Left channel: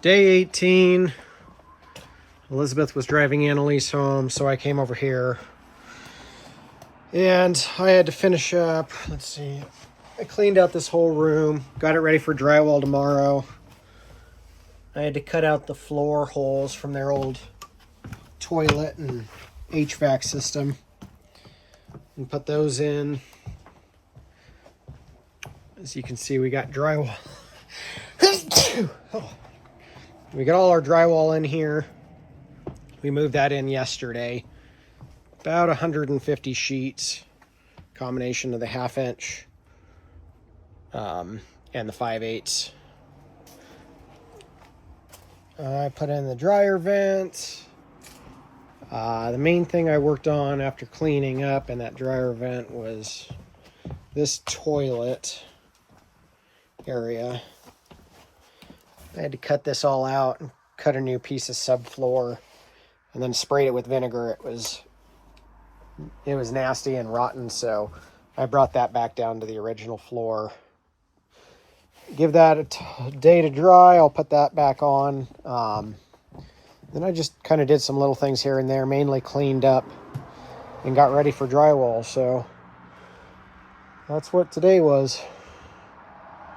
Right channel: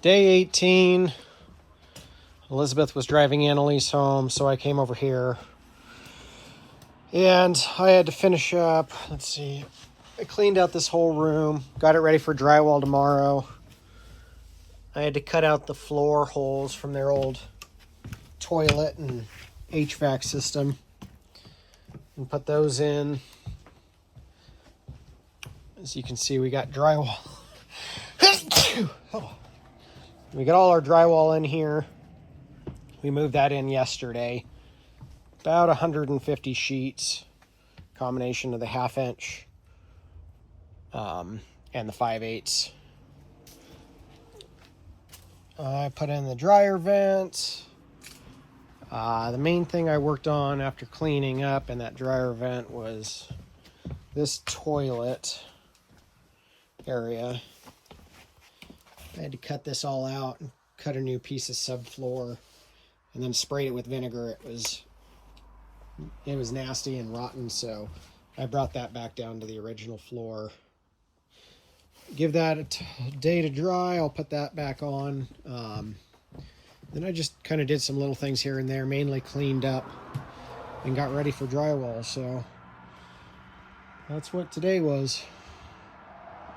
Day 18. Elizabeth was driving Annalise home, so I came over here. And I had to finish up, let's see, I cleaned out this whole room, got it ready for drywall tomorrow. I had to cut out the floor holes from their old toilet and HVAC system and put those in. As you can see, we got drywall. We got all our drywall in here. We moved that in yesterday. About 150 sheets, combination of the 1/2 inch and the 5/8. I put in the dryer vents. The main thing I worked on after cleaning up in that dryer vent was this toilet area. I had to cut this all out and cut a new piece of subfloor and then sprayed it with vinegar. It was nasty and rotten, so I brought that back down to the original floor. Give that a day to dry. I'll put that back on. Then I just kind of did some little things here and there, mainly cleaned up and got ready for drywall. So that's what today was.